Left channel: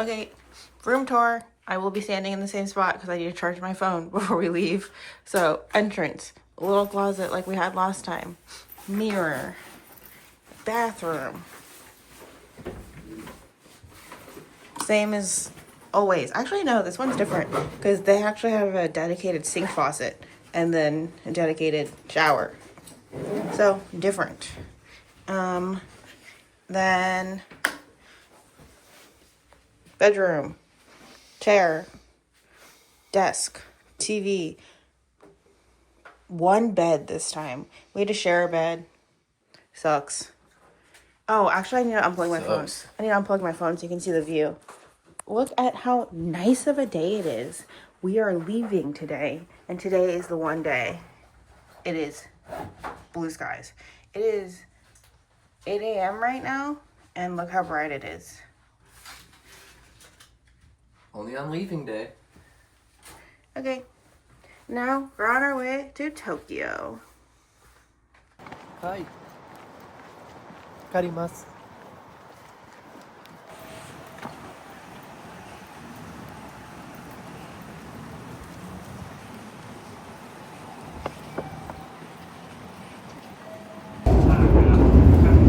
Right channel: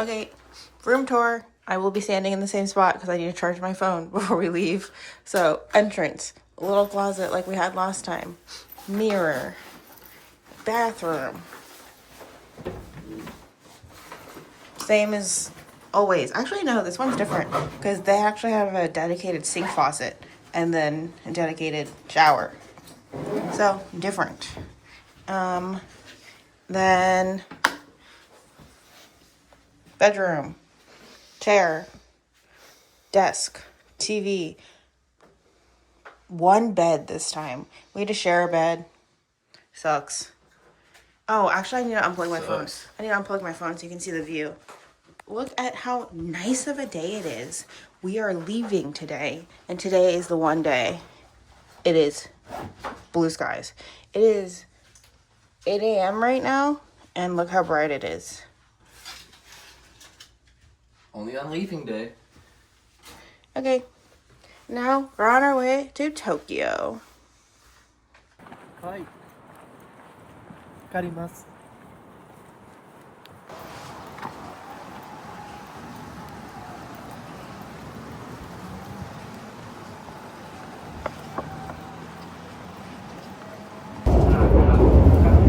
Okay, room tour. I will be standing in the same spot because I need to charge my phone before we leave. So, entrance, a little closet like we had last time, mirror, bathroom. Same as always. Actually, no, this one's different because they actually have a dedicated sink faucet and then a dedicated shower. So, different. Then bedroom, chair, desk, TV, one bed this time. We had to share a bed. Sucks. Oh, actually, I need to unplug my phone. I need to unplug my phone so you can see the view. Look at how nice of a day it is. We are leaving today, and today is the one day. It is blue skies. It is 8 a.m. right now, and look how bright it is. Only on leaving day. Okay, now we're on our way to Tokyo. Hi. Karimasu.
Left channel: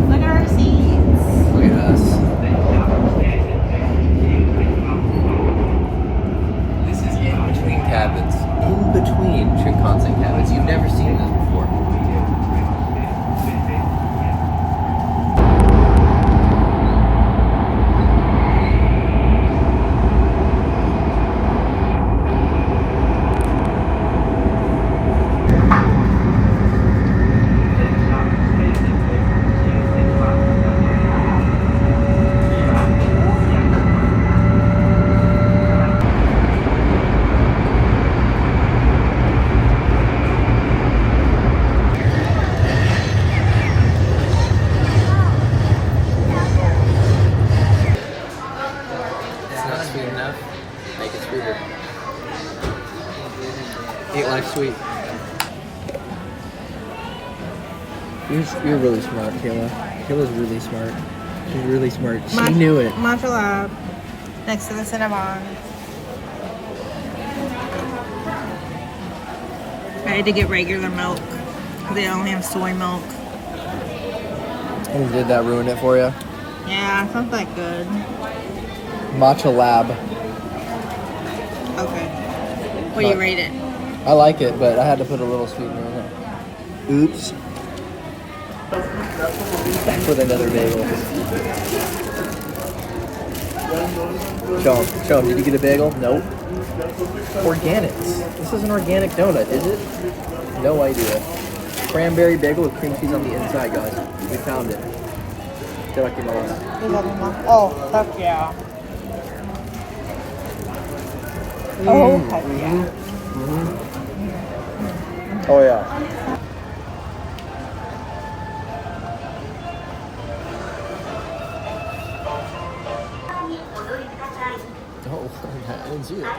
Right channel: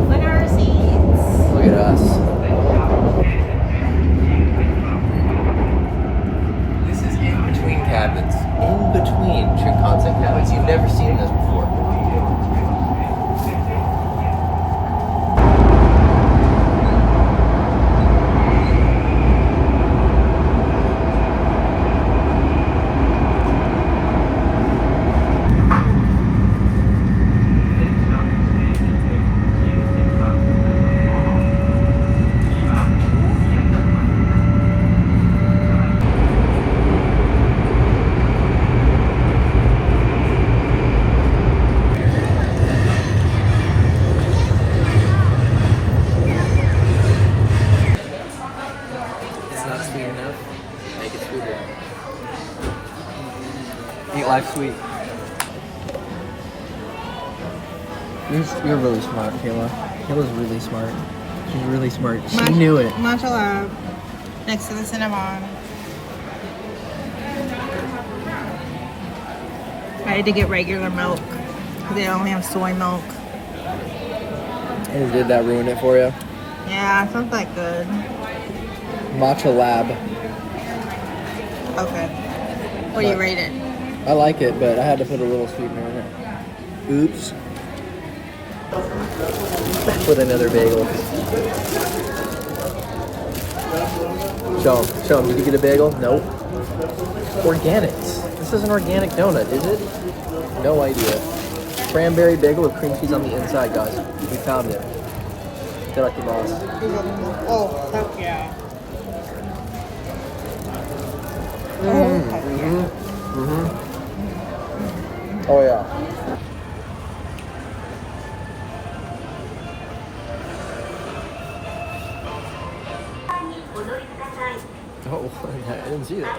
Look at our seats. Look at us. This is in between cabins. In between Shinkansen cabins. You've never seen this before. It's not sweet enough. Make it sweeter. Eat life sweet. You're really smart, Kayla. Kayla's really smart. She's really smart. She knew it. Matcha Lab, next to the Cinnabon. I had to get regular milk because they only have soy milk. And did that ruin it for you? Yeah, sounds like good. Matcha Lab. Okay. What do you rate it? I like it, but I had to put a little sweetener in it. Oops. Back with another bagel. Show him. Did you get a bagel? Nope. Organics. This is an organic donut, is it? No idea. Cranberry bagel with cream cheese on the inside, guys. We found it. Itadakimasu. Oh, heck yeah. Oh, heck yeah. Oh, yeah. Oh, I didn't see that.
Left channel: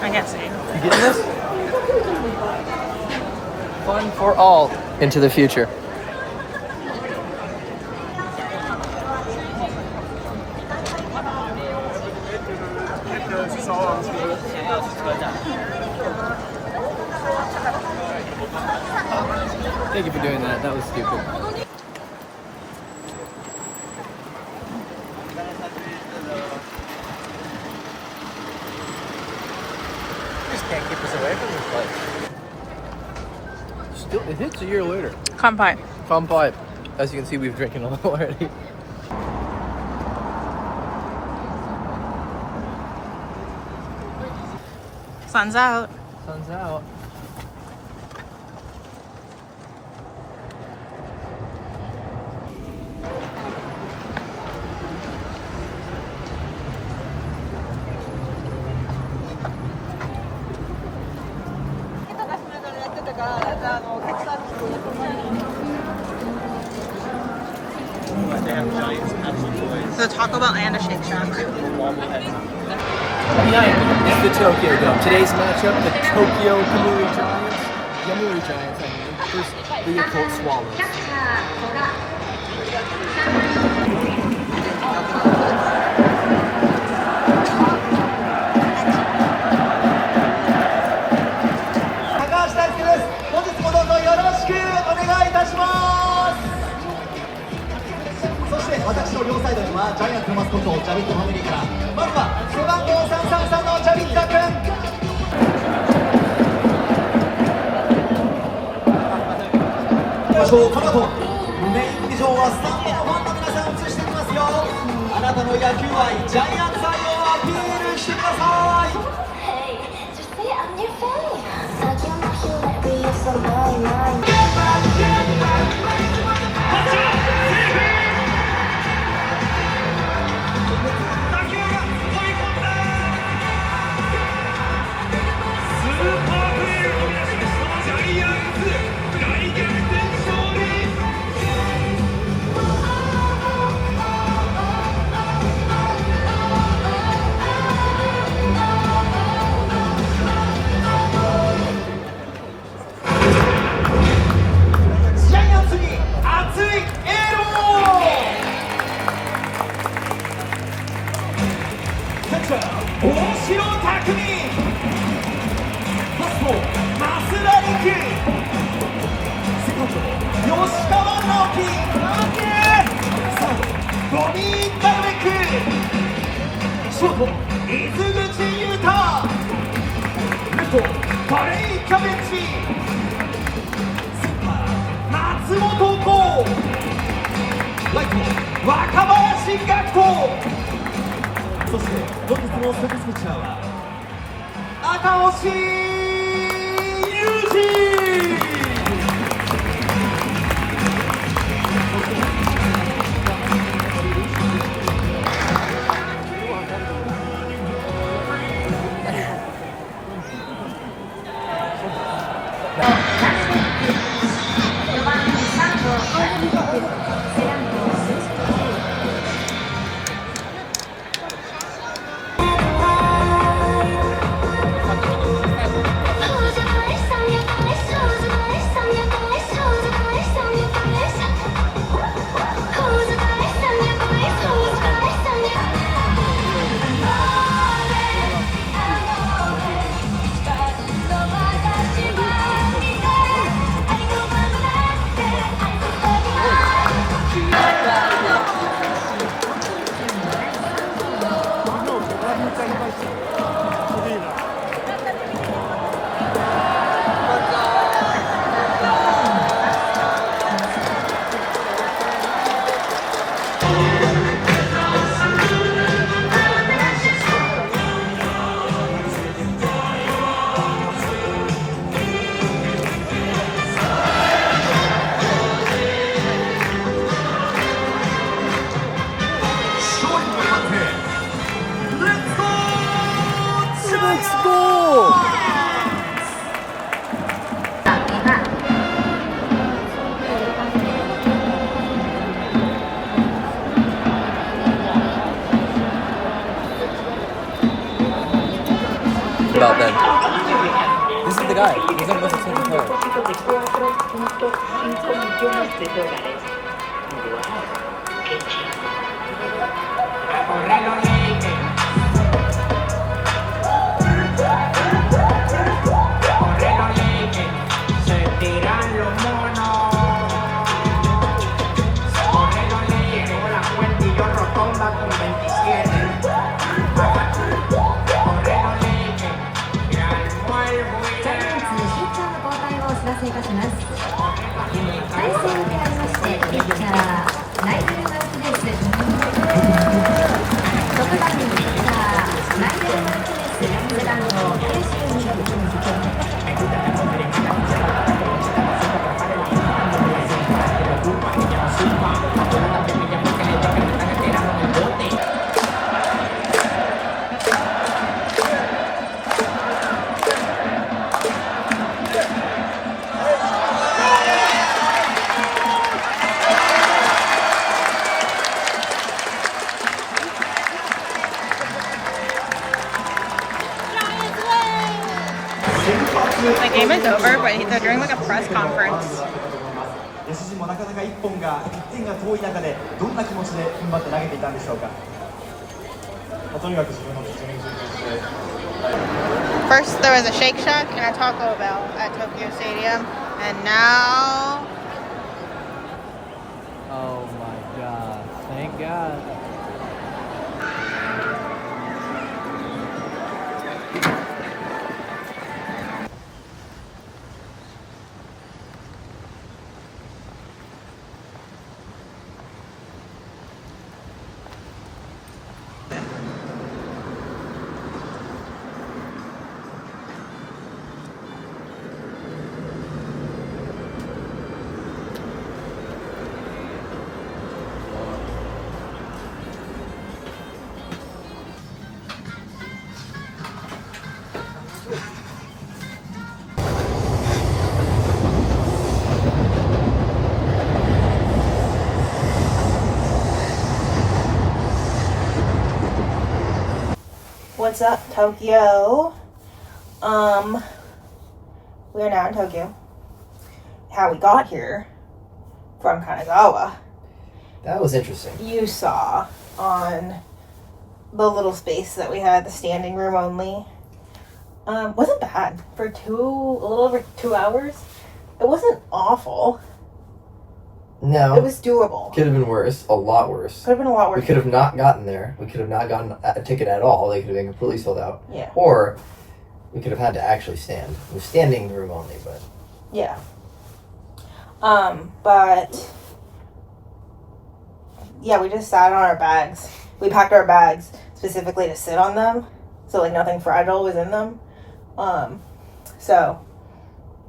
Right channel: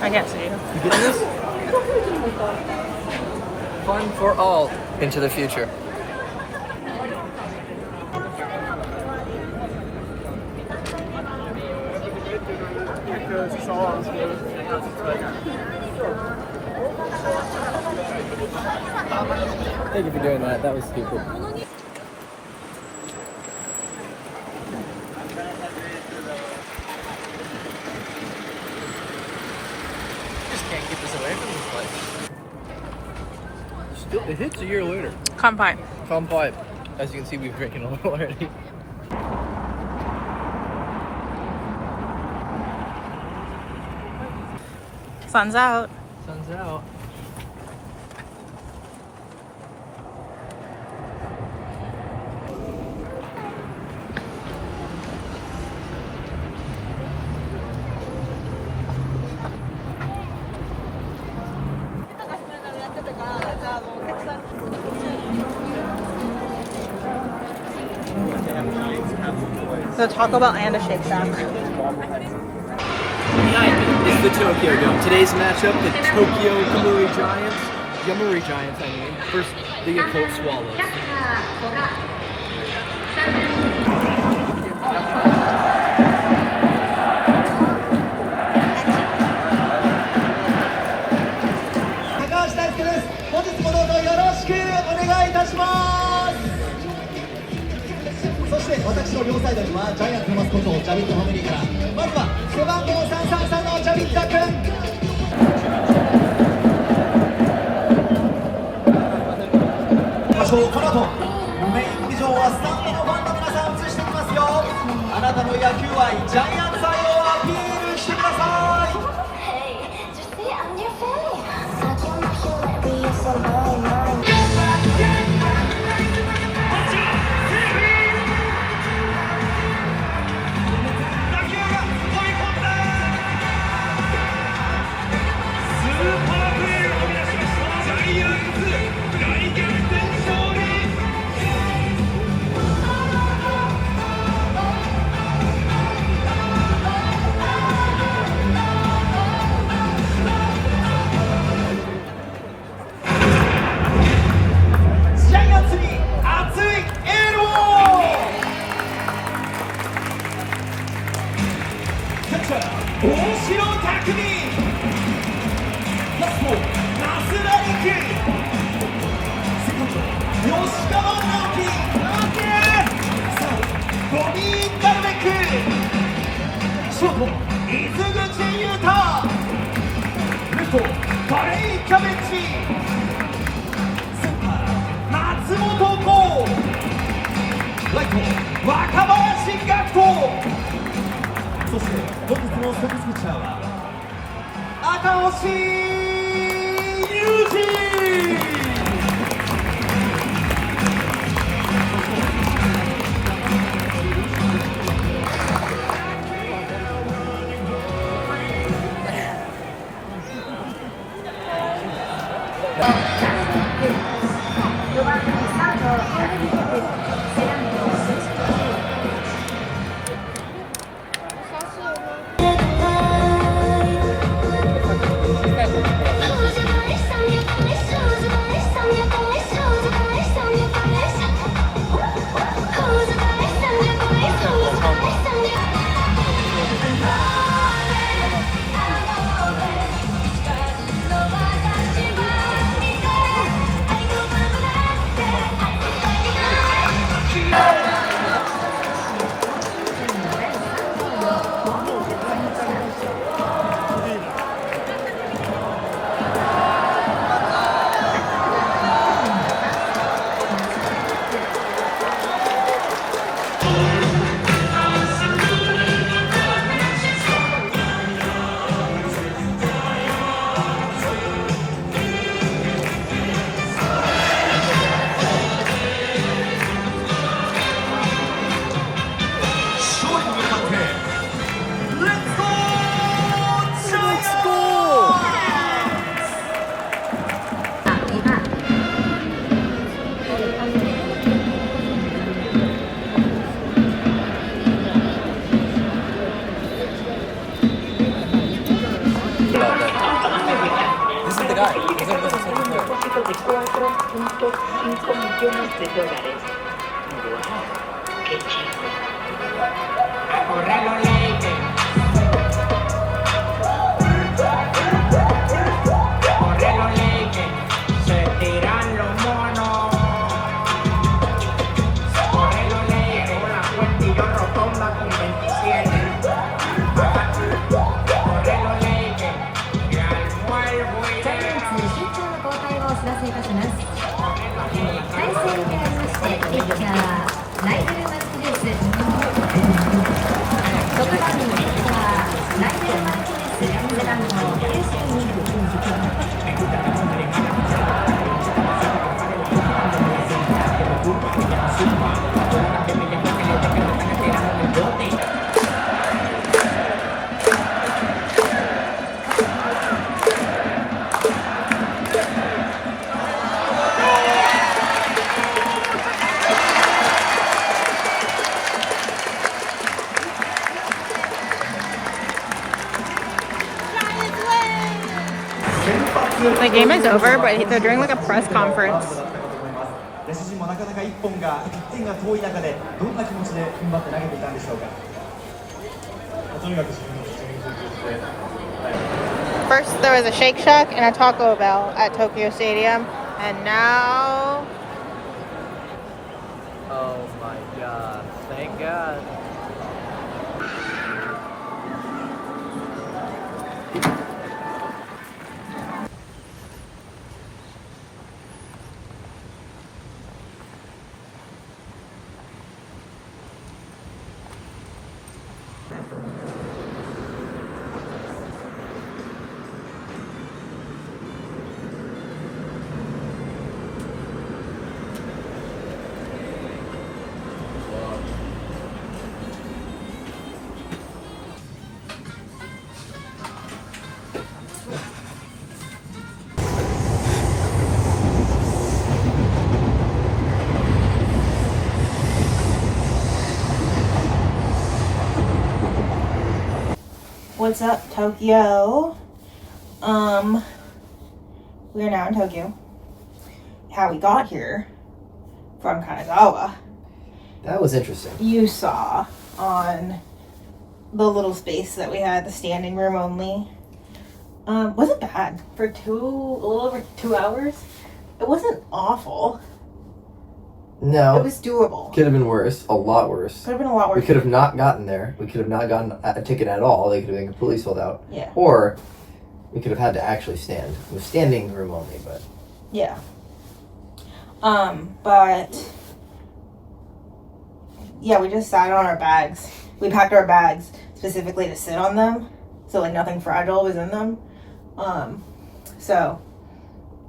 I guess so. You getting this? Fun for all. Into the future. Thank you for doing that. That was stupid. Just can't keep us away from this place. Still, it hits a year later. Kanpai. Kanpai. As you can see, we've drinking a little already. Sun's out. Sun's out. The Taco Bell and a Shake Shack. Tonight is the Tokyo Dome. Today's matchup, the Tokyo Kamui Giants, Yamuri Giants, I mean, versus the Yakult Swallows. の両サイドにはジャイアンツのマスコットジャビットファミリーからまずは背番号333のジャビッタ君。この後メインビジョンはスタンドのファンの皆さん映していきますよ。あなたの野球愛ジャイアンツ愛をアピールしてください。 Hey, just say I'm your fan. I can't make you let me use some mine. ジャイアンツに熱いエールを。キャッチャー大城卓三、ファースト増田陸、セカンド吉川直樹、サードボビー・ダルベック、ショート伊豆口優太、レフトバレイ・キャベッジ、松本剛、ライト若林学人、そして本日の先発ピッチャーは赤星優志。millones de dólares. ¡Wow! ¡Qué chido! ¡A correr los Lakers! ¡A correr los Lakers! ¡Se tiran los monos! ¡Correr los Lakers! Con la cuenta y yo rotonda con 27. ¡Correr los Lakers! ¡Y al muervo y ジャイアンツピッチャーの交代をお知らせいたします。対戦でありまして、ピッチャーナイジェル・マルティネス、6番にピッチャーナイジェル・マルティネス、背番号92。The game is over, but they're doing like a press conference. 野手陣もなかなか1点が遠い中でどんな気持ちで踏ん張って投げていたんでしょうか。とにかく自分のピッチングに集中して。First, there was a Shake Shack and a Taco Bell at Tokyo Stadium, and now. Oh my god! Thank God. What's up, Tokyo? We're now in Tokyo. How we got here from Kanazawa, That was interesting. you saw on the little space that we had, the standing room only. Wasn't bad for a little over 2 hours. It wasn't awful. No. It was doable. Could have been worse. A lot worse. Could have been a lot worse. We could have not gotten there. We could have not gotten a ticket at all. They could have been completely sold out. Yeah. Or we could have had to actually stand. It was standing room only, but Yeah. But yeah, we just sat on our bags. We packed our bags specifically to sit on them, so like nothing fragile was in them. So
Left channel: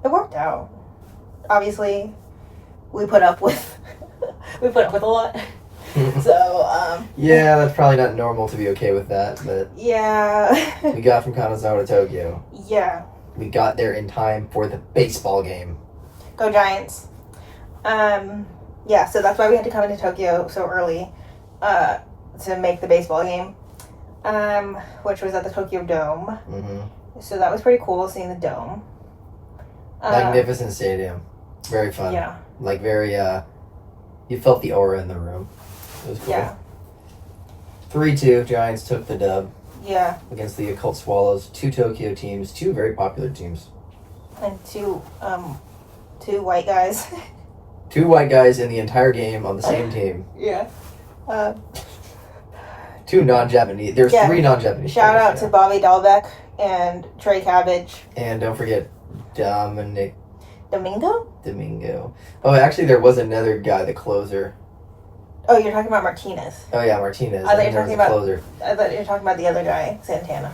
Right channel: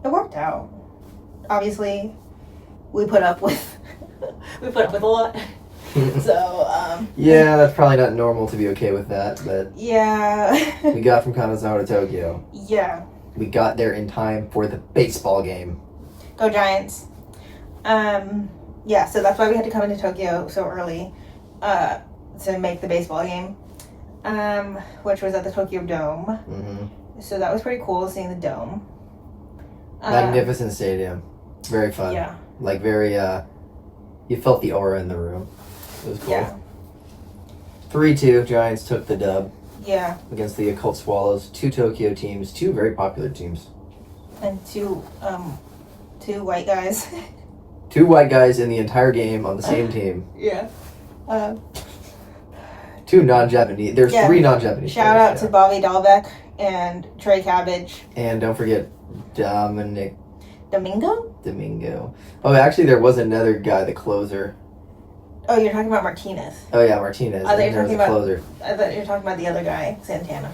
it worked out. Obviously, we put up with a lot. So yeah, that's probably not normal to be okay with that. But yeah, we got from Kanazawa to Tokyo. yeah. We got there in time for the baseball game. Go Giants. Yeah, so that's why we had to come into Tokyo so early to make the baseball game, which was at the Tokyo Dome. Mm-hmm. So that was pretty cool seeing the dome. Magnificent stadium. Very fun. Yeah. Like very, you felt the aura in the room. It was cool. Yeah. 3-2, Giants took the dub Yeah. against the Occult Swallows. 2 Tokyo teams, 2 very popular teams. And two white guys. 2 white guys in the entire game on the same team. Yeah. 2 non-Japanese. There's Yeah. 3 non-Japanese. Shout players, out to Bobby Dahlbeck and Trey Cabbage. And don't forget Dominic Domingo? Domingo. Oh, actually, there was another guy, the closer. Oh, you're talking about Martinez. Oh yeah, Martinez. I thought you were And there was talking a about- closer. I thought you were talking about the other guy, Santana.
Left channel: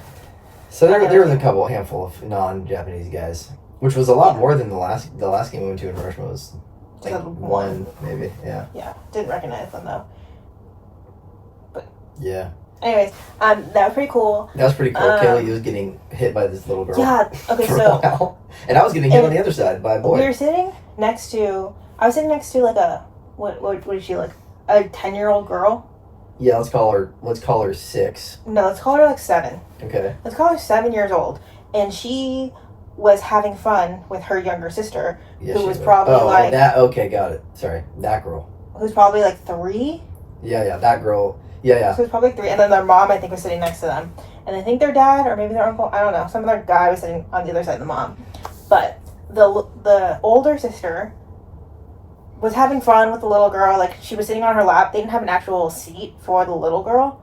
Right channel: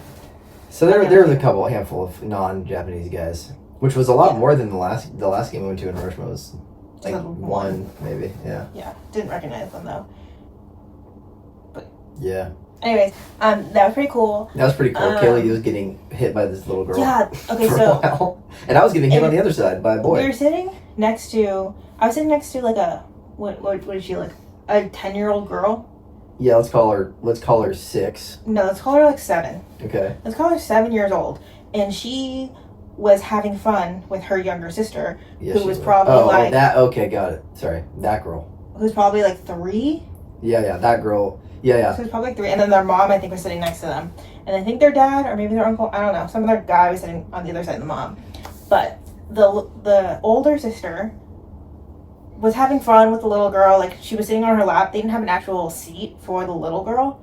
So on the there other was a handful of non-Japanese guys, which was a lot Yeah. more than the last game we went to in Hiroshima was like Just one maybe. Yeah. Yeah. Didn't recognize them though. Yeah. Anyways, that was pretty cool. That was pretty cool. Kaylee was getting hit by this little girl. Yeah. Okay. for a So while. And I was getting hit And on the other side by a boy. we were sitting next to. I was sitting next to like a what is she like? A 10-year-old girl? Yeah, let's call her 6. No, let's call her like 7. Okay. Let's call her 7 years old, and she was having fun with her younger sister, Yeah, who she was probably like that. Okay, got it. Sorry, that girl. who's probably like 3. Yeah, that girl. Yeah. So it was probably 3, and then their mom I think was sitting next to them, and I think their dad or maybe their uncle, I don't know, some other guy was sitting on the other side of the mom, but the older sister was having fun with the little girl. Like she was sitting on her lap. They didn't have an actual seat for the little girl.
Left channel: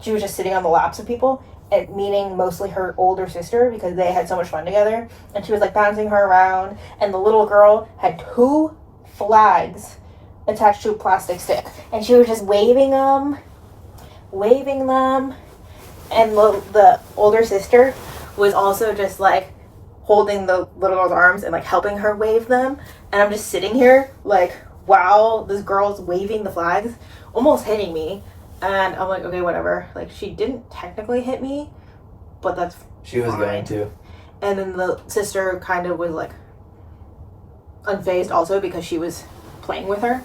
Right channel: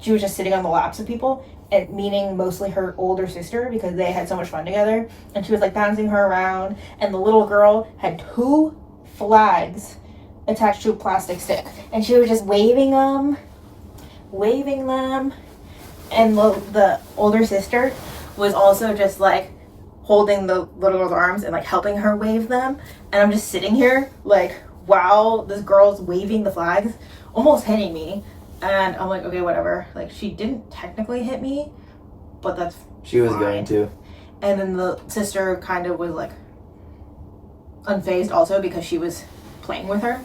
She was just sitting on the laps of people, and meaning mostly her older sister because they had so much fun together. And she was like bouncing her around, and the little girl had 2 flags attached to a plastic stick, and she was just waving them, and the older sister was also just like holding the little girl's arms and like helping her wave them. And I'm just sitting here like, wow, this girl's waving the flags, almost hitting me. And I'm like, okay, whatever. Like she didn't technically hit me, but that's She was fine. going to. And then the sister kind of was like unfazed also because she was playing with her.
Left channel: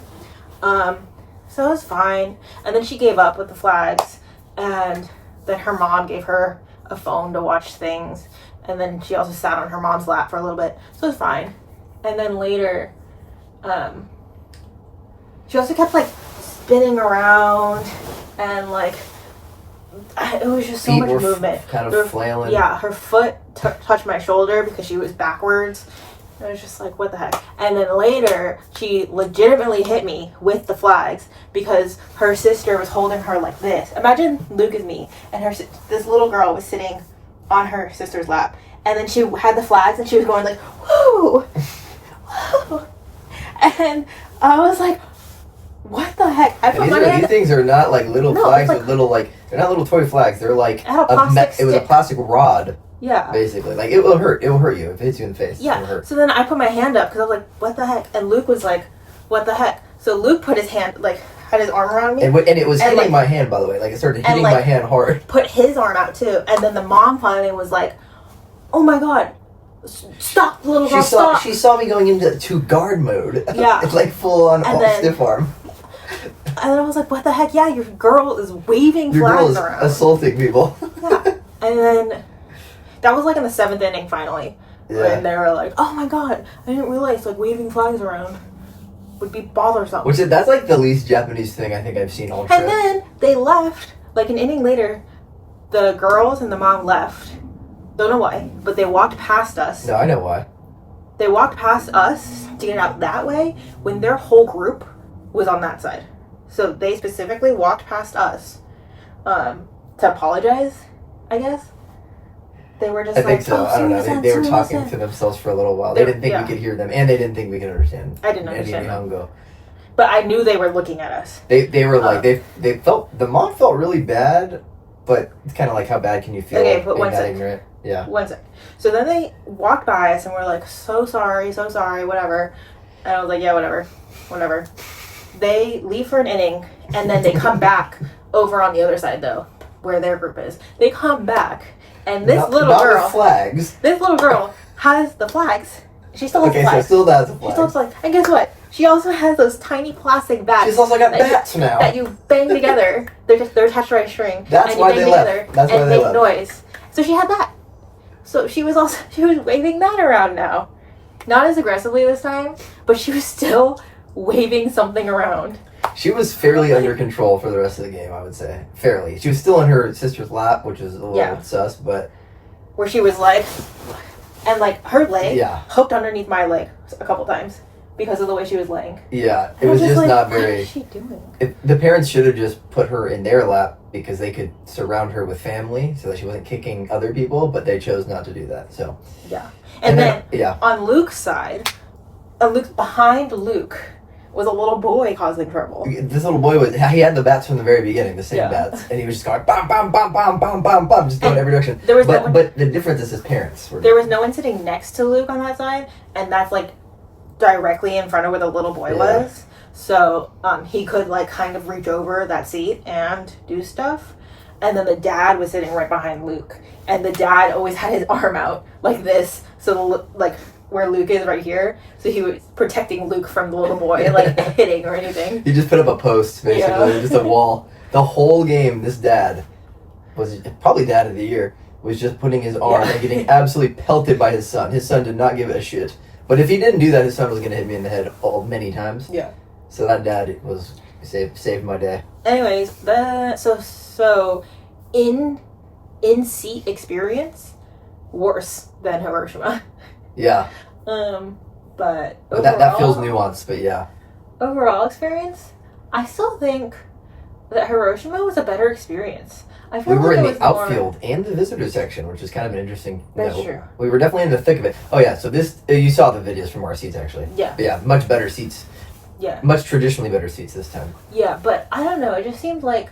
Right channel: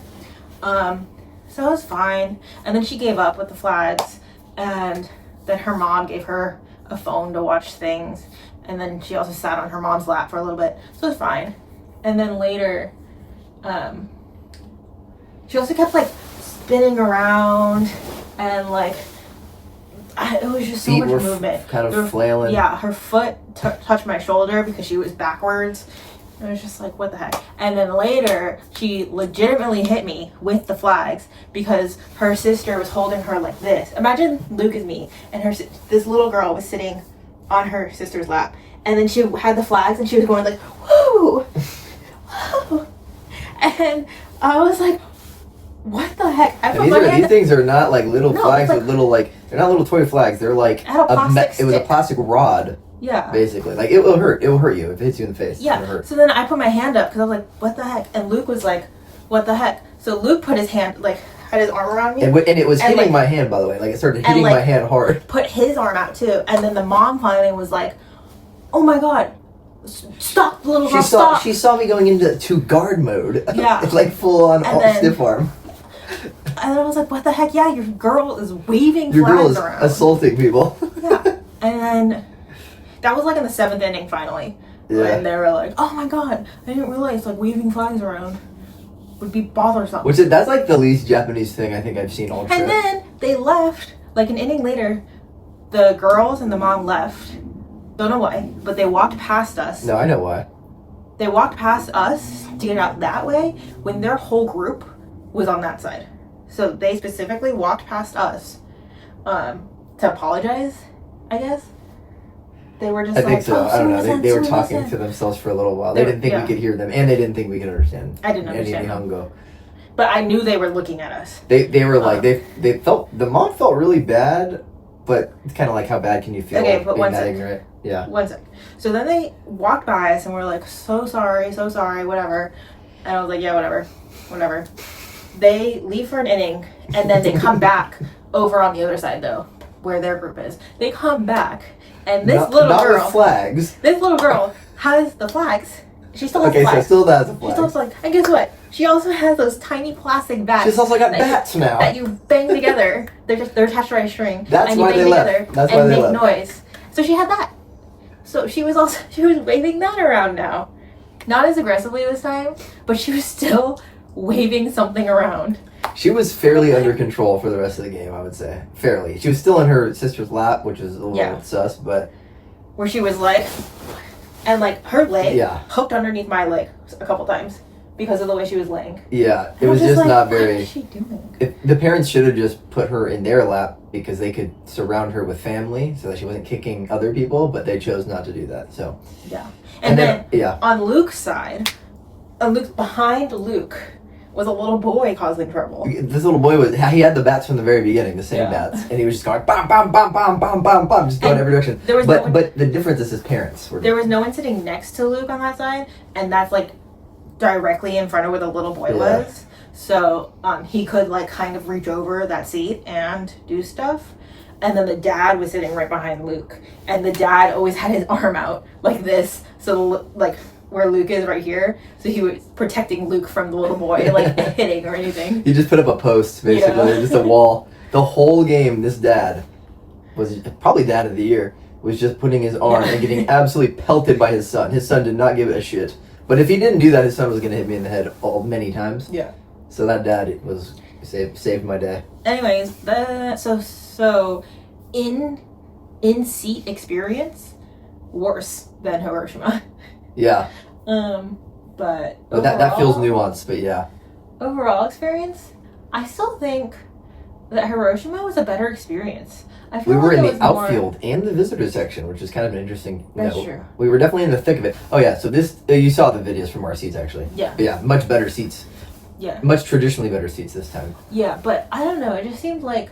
So it was fine. And then she gave up with the flags, and then her mom gave her a phone to watch things. And then she also sat on her mom's lap for a little bit. So it was fine. And then later, she also kept like spinning around, and like it was just so Feet much were movement. kind of There- flailing. Yeah, her foot touched my shoulder because she was backwards. It was just like, what the heck? And then later, she legitimately hit me with the flags because her sister was holding her like this. Imagine Luke is me, and this little girl was sitting on her sister's lap, and then she had the flags, and she was going like, whoa, whoa, and I was like, what the heck? I put my hand. These things are not like little No, flags it's like- with little like they're not little toy flags. They're like It had a plastic it was a stick. plastic rod Yeah. basically. Like it will hurt. It will hurt you if it hits you in the face. It'll Yeah. hurt. So then I put my hand up because I was like, what the heck? And Luke was like, what the heck? So Luke put his hand, like, had his arm around me, And it was And, hitting like- my hand, by the way. Like it started and, hitting like- my hand hard. put his arm out too. And then the mom finally was like, oh my God, stop, little girl, stop. She saw me going into guard mode. Yeah. It's like full on And then- stiff arm. And then I was like, what the heck? Yeah, your girl is waving Your girl flags is around. assaulting people. Yeah. And then that was like in the 7th inning finally. Yeah. And they were like, oh my God, I didn't realize like waving flags around would be bothersome. That's like the least Japanese thing I think I've seen all trip. And then they left, like an inning later, the girls and the mom left. Don't know why, but they walked past us. No, I know why. They walked past us to get out that way when their whole group was on that side. So they specifically walked past us to apologize, I guess. They were just I like, think so. oh, I don't know. sumimasen, They were talking sumimasen. to themselves for a little while. They didn't think Yeah. we could hear them, and they didn't think we could understand. I didn't any understand them. Nihongo. But I knew they were looking at us. They were like they felt the mom felt really bad, but it's kind of like how bad can you feel? Okay, but being one that sec. ignorant? Yeah. One sec. So then they walked by us and we're like, so sorry, whatever. And I was like, yeah, whatever. They leave for an inning and then they come back over on the other side though, where their group is. They come back and this Not little with girl, flags. has the flags. She still has Okay, the so flags. it still has a She flag. still has the flags. And guess what? She also has those tiny plastic bats. She's also got that you- bats now. that you bang together. They're attached to a string. That's and you why bang they left. together That's why and they make left. noise. So she had that. So she was waving that around now. Not as aggressively this time, but she was still waving something around. She was fairly under control for the rest of the game, I would say. Fairly. She was still in her sister's lap, which was a little Yeah. sus, but Where she was like, and like her leg Yeah. hooked underneath my leg a couple times because of the way she was laying. yeah, it And I was just like, not what very. is she doing? The parents should have just put her in their lap because they could surround her with family so that she wasn't kicking other people, but they chose not to do that. So Yeah. And then yeah, on Luke's side, behind Luke was a little boy causing trouble. this little boy he had the bats from the very beginning, the same Yeah. bats, and he was just going bam, bam, bam, bam, bam, bam, bam, just going And every direction. there was no but one- but the difference is his parents were. There was no one sitting next to Luke on that side, and that's like directly in front of where the little boy Yeah. was. So he could like kind of reach over that seat and do stuff. And then the dad was sitting right behind Luke, and the dad always had his arm out like this, so like where Luke is right here. So he was protecting Luke from the little boy like hitting or anything. He just put up a post, basically, Yeah. just a wall. The whole game, this dad was probably dad of the year. Was just putting his arm and getting absolutely pelted by his son. His son did not give a shit. But if he didn't do that, his son was going to hit me in the head many times. Yeah. So that dad was saved my day. Anyways, so in seat experience, worse than Hiroshima. Yeah, But but that feels overall- nuanced. But yeah, Overall experience, I still think that Hiroshima was a better experience. I we feel were like in it the was more- outfield and the visitor section, which is kind of an interesting. That's true. We were definitely in the thick of it. Oh yeah, so this you saw the videos from our seats actually. Yeah. But yeah, much better seats. Yeah, Much traditionally better seats this time. yeah, but I don't know. It just seemed like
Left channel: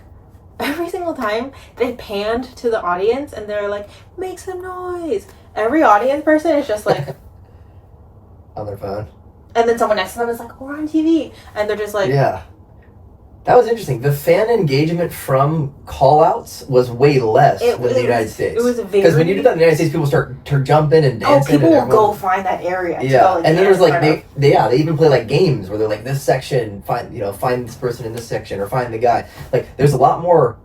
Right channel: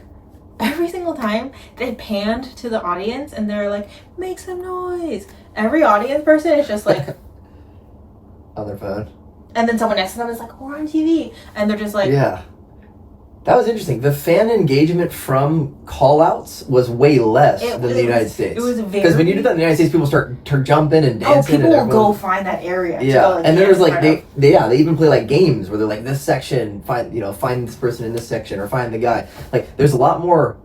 every single time they panned to the audience and they're like, "Make some noise." Every audience person is just like, On their phone. and then someone next to them is like, "We're on TV," and they're just like, Yeah. That was interesting. The fan engagement from call-outs was way less It than the was- United States. it was Because when you do that in the United States, people start jumping and "Oh, dancing. people and will everyone- go find that area." to Yeah, go, like, and then there's dance like in front of." they even play like games where they're like this section find this person in this section or find the guy. Like there's a lot more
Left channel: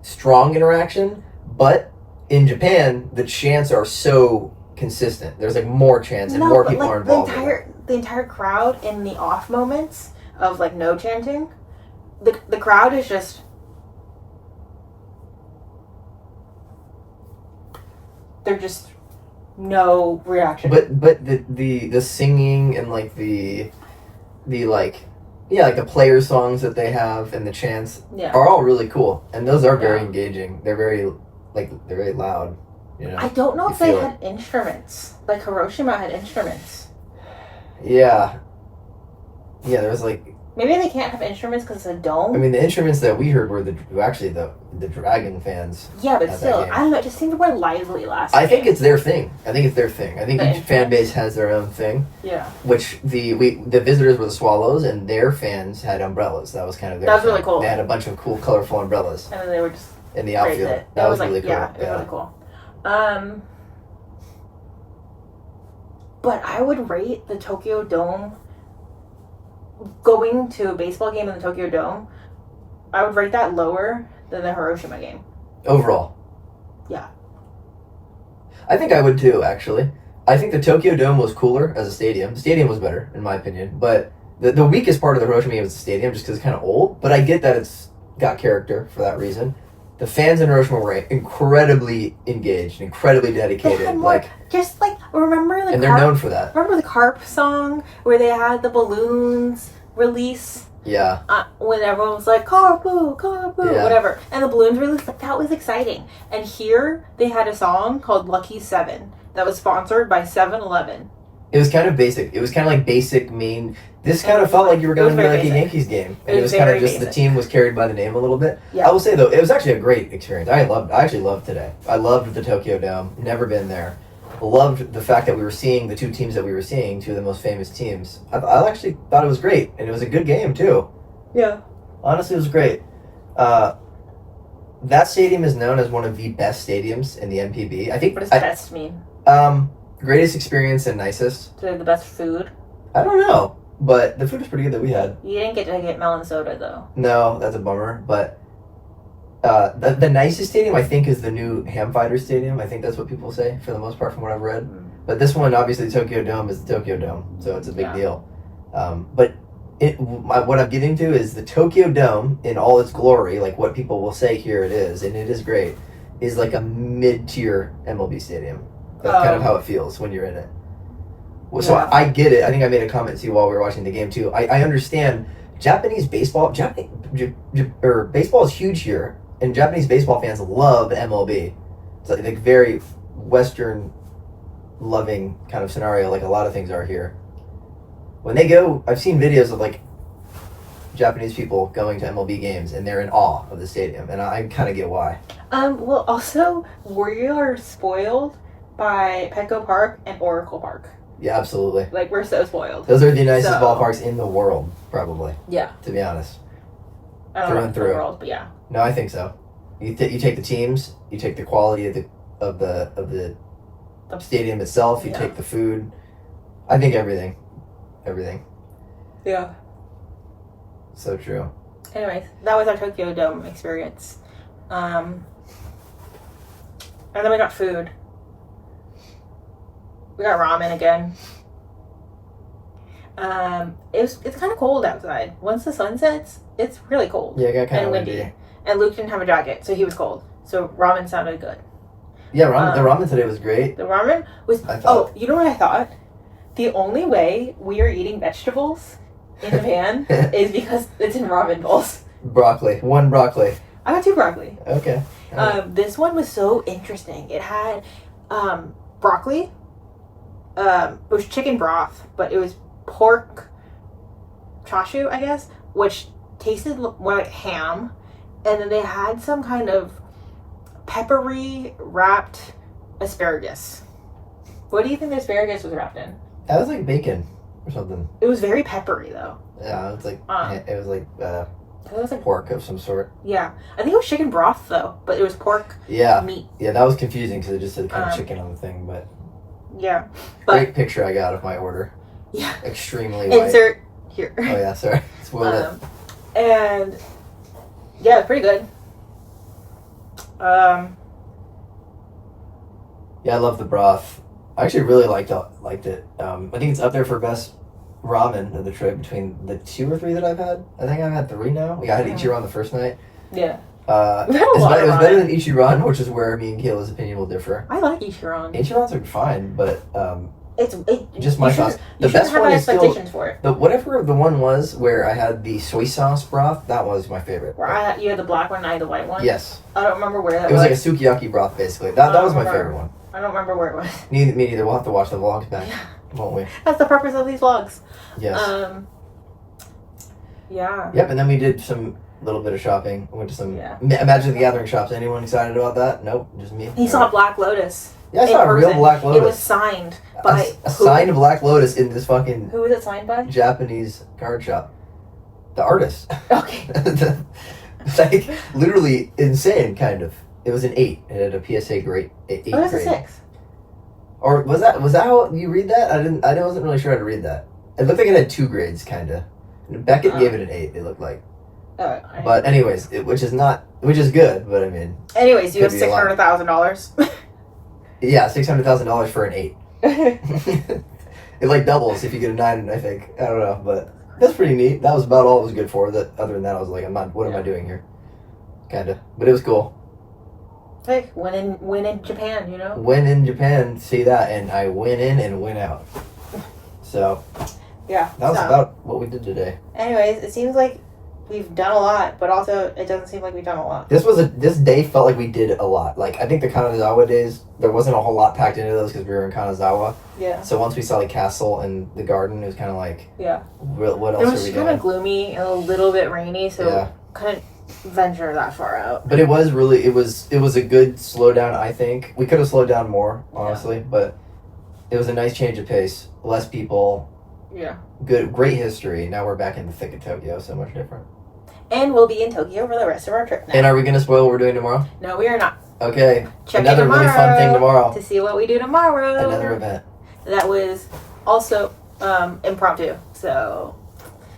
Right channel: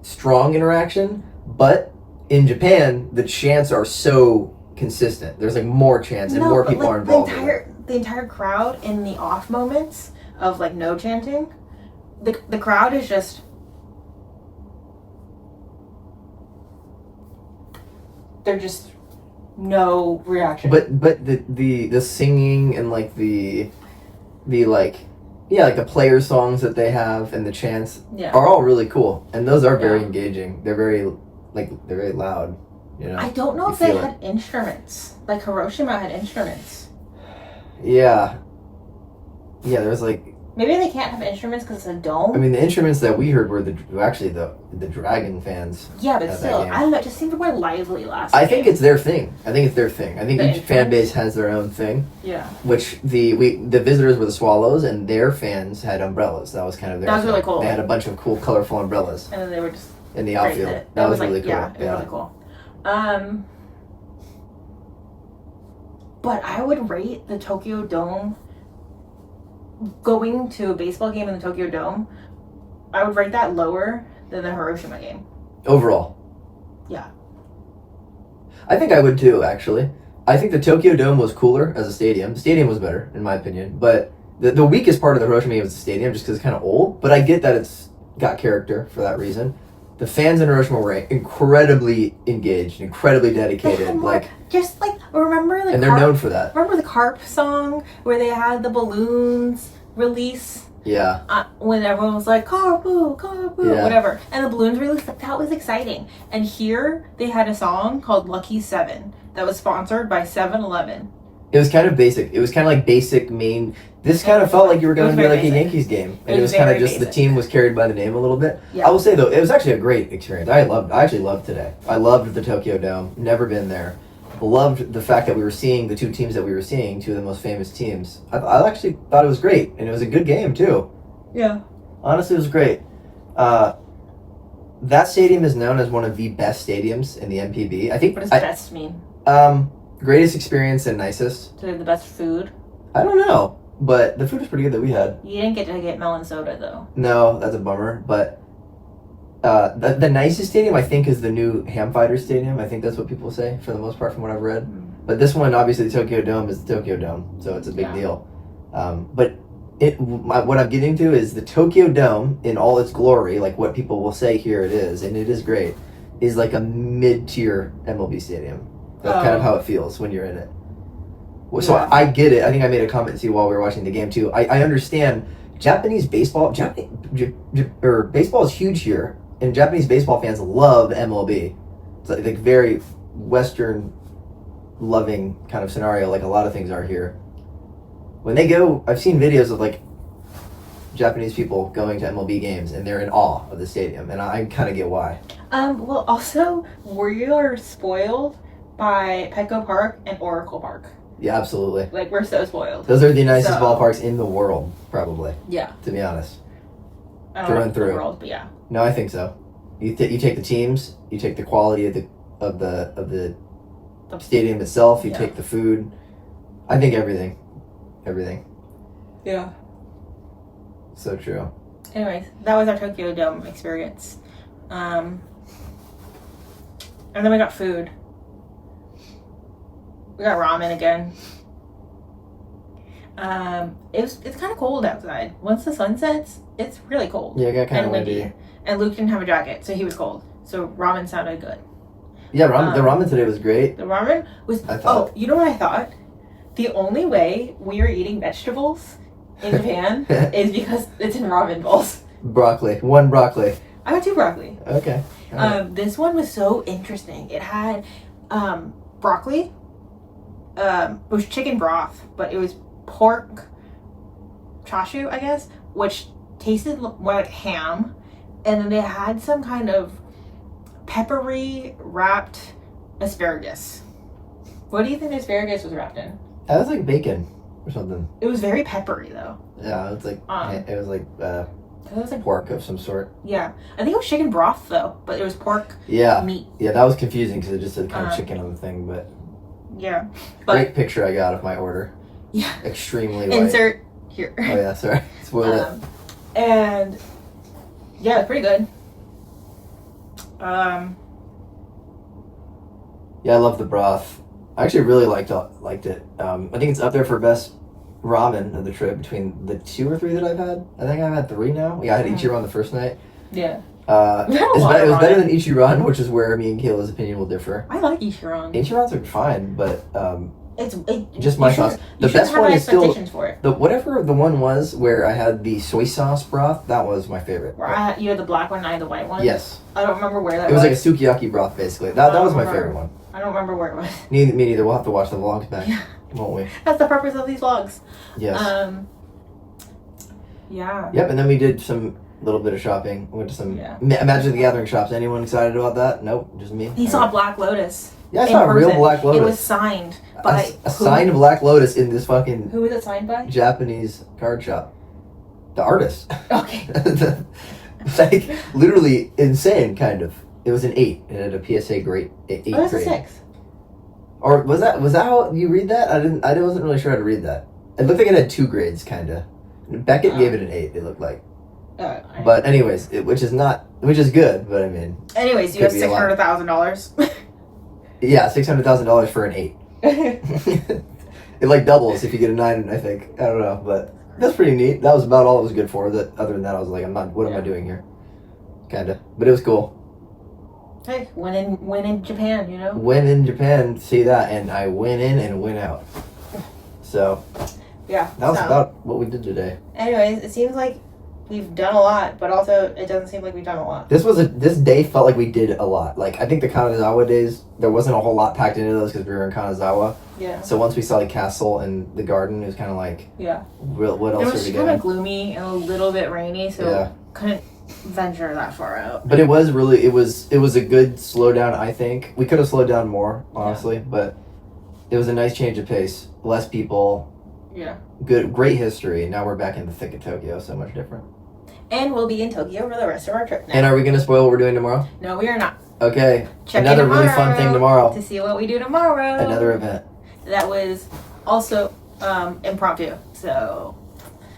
strong interaction, but in Japan the chants are so consistent. There's like more chants and more but, people like, are involved. in it. The entire crowd in the off moments of like no chanting, the crowd is just they're just no reaction. But the singing and like the like like the player songs that they have and the chants Yeah. are all really cool, and those are very Yeah. engaging. They're very they're very loud. You know? I don't know You if they feel had instruments. Like Hiroshima had instruments. Yeah. Yeah, there was like, Maybe they can't have instruments because it's a dome. I mean, the instruments that we heard were actually the Dragon fans. yeah, but at that still, game. I don't know. It just seemed more lively last I think game. it's their thing. I think The each fan influence? base has their own thing. Yeah. Which the visitors were the Swallows, and their fans had umbrellas. That was kind of their That was thing. really cool. They had a bunch of cool, colorful umbrellas And then they were just in the raised outfield. it. That was like, really cool. Yeah, it was really cool. But I would rate the Tokyo Dome, going to a baseball game in the Tokyo Dome, I would rate that lower than the Hiroshima game. Overall. Yeah. I think I would too, actually. I think the Tokyo Dome was cooler as a stadium. The stadium was better, in my opinion. But the weakest part of the Hiroshima game was the stadium, just because it's kind of old. But I get that it's got character for that reason. The fans in Hiroshima were incredibly engaged, incredibly They dedicated. had more, just like, remember the and they're known for that. Remember the Carp song where they had the balloons release Yeah. when everyone was like Carpoo, Carpoo, Yeah. whatever, and the balloons released? Like, that was exciting. And here they had a song called Lucky 7 that was sponsored by 7-Eleven. It was kind of basic. It was kind of like basic main. This It kind of was felt like- like you were it going was to be very like a basic. Yankees game. And It it was was kind of very just the basic. team was carried by the name a little bit. Yeah. I will say though, it was actually a great experience. I actually loved today. I loved the Tokyo Dome. Never been there. Loved the fact that we were seeing the two teams that we were seeing, two of the most famous teams. I actually thought it was great, and it was a good game too. Yeah. Honestly, it was great. That stadium is known as one of the best stadiums in the MPB. I think. What does best mean? Greatest experience and nicest. So the best food? I don't know, but the food was pretty good that we had. You didn't get to get melon soda though. No, that's a bummer. But the nicest stadium I think is the new Ham Fighter Stadium. I think that's what people say for the most part from what I've read. But this one, obviously, the Tokyo Dome is the Tokyo Dome, so it's a big Yeah. deal. But what I'm getting to is the Tokyo Dome in all its glory, like what people will say here it is, and it is great, is like a mid-tier MLB stadium. That's kind of how it feels when you're in it. So Yeah. I get it. I think I made a comment to you while we were watching the game too. I understand Japanese baseball. Baseball is huge here, and Japanese baseball fans love MLB. It's like very Western loving kind of scenario, like a lot of things are here. When they go, I've seen videos of like Japanese people going to MLB games, and they're in awe of the stadium, and I kind of get why. Well, also, we are spoiled by Petco Park and Oracle Park. Yeah, absolutely. Like, we're so spoiled. Those are the nicest So- ballparks in the world, probably. Yeah. To be honest. I don't Through know and if the through. world, but yeah. No, I think so. You take the teams, you take the quality of the stadium itself, you Yeah. take the food. I think everything. Yeah. So true. Anyways, that was our Tokyo Dome experience. And then we got food. We got ramen again. It's kind of cold outside. Once the sun sets, it's really cold. Yeah, it got kind And of windy. windy. And Luke didn't have a jacket, so he was cold. So ramen sounded good. Yeah, the ramen today was great. The ramen was. I thought- Oh, you know what I thought? The only way we are eating vegetables in Japan is because it's in ramen bowls. Broccoli. One broccoli. I got 2 broccoli. Okay. This one was so interesting. It had broccoli. It was chicken broth, but it was pork chashu, I guess, which tasted more like ham. And then they had some kind of peppery wrapped asparagus. What do you think the asparagus was wrapped in? That was like bacon or something. It was very peppery though. Yeah, it was like It was like, pork of some sort. yeah, I think it was chicken broth though, but it was pork Yeah. meat. Yeah, that was confusing because it just said kind of Um, chicken on the thing, but Yeah, but great picture I got of my order. yeah, Extremely light. insert here. Oh yeah, sorry. Spoiled it. And yeah, it's pretty good. Yeah, I love the broth. I actually really liked it. I think it's up there for best ramen of the trip between the 2 or 3 that I've had. I think I've had 3 now. Yeah, I had Ichiran the first night. Yeah, It We've had a lot of was better ramen. than Ichiran, which is where me and Kayla's opinion will differ. I like Ichiran. Ichirans are fine, but Just my sauce. The You shouldn't best have one high is still expectations for it. whatever the one was where I had the soy sauce broth. That was my favorite. Where you had the black one, and I had the white one. Yes, I don't remember where that it was like a was. sukiyaki broth basically. That don't was my remember. favorite one. I don't remember where it was. Me neither. We'll have to watch the vlogs back, won't we? That's the purpose of these vlogs. Yes. Yeah. Yep. And then we did some little bit of shopping. We went to some Yeah. Magic the Gathering shops. Anyone excited about that? Nope, just me. He saw Black Lotus. Yeah, I in saw a real person. Black Lotus. It was signed by a signed Black Lotus in this fucking Who was it signed by? Japanese card shop. The artist. Okay. Like literally insane, kind of. It was an 8. It had a PSA great 8 Oh, it was a grade. 6. Or was that how you read that? I wasn't really sure how to read that. It looked like it had 2 grades, kind of. Beckett gave it an 8. It looked like. But anyways, which is good. But I mean. Anyways, you have could be a lot. $600,000. Yeah, $600,000 for an 8. It like doubles if you get a 9. I think I don't know, but that's pretty neat. That was about all it was good for. That other than that, I was like, what am I doing here? Kinda, but it was cool. Hey, win in Japan, you know. Win in Japan, see that, and I win in and win out. So Yeah. that was so, about what we did today. Anyways, it seems like we've done a lot, but also it doesn't seem like we've done a lot. This day felt like we did a lot. Like I think the Kanazawa days, there wasn't a whole lot packed into those because we were in Kanazawa. Yeah. So once we saw the castle and the garden, it was kind of like, Yeah. what It else was are we kind doing? of gloomy and a little bit rainy, so Yeah. couldn't venture that far out. But it was a good slowdown. I think we could have slowed down more, honestly, but it was a nice change of pace. Less people, Yeah. great history. Now we're back in the thick of Tokyo, so much different. And we'll be in Tokyo for the rest of our trip now. And are we gonna spoil what we're doing tomorrow? No, we are not. Okay, Check another in tomorrow really fun thing tomorrow. to see what we do tomorrow. Another event. That was also impromptu. So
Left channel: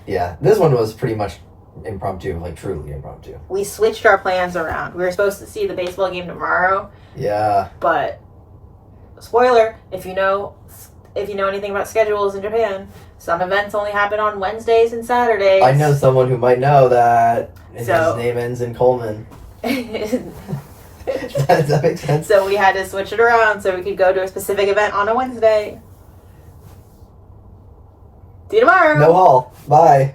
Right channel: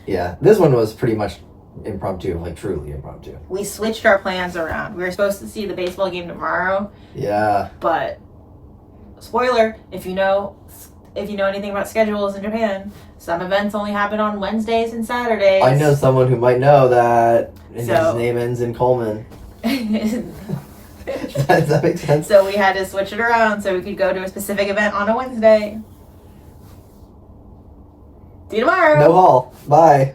Yeah, this one was pretty much impromptu, like truly impromptu. we switched our plans around. We were supposed to see the baseball game tomorrow, Yeah. but spoiler, if you know anything about schedules in Japan, some events only happen on Wednesdays and Saturdays. I know someone who might know that. And So- his name ends in Coleman. Does that make sense? So we had to switch it around so we could go to a specific event on a Wednesday. See you tomorrow. No hall. Bye.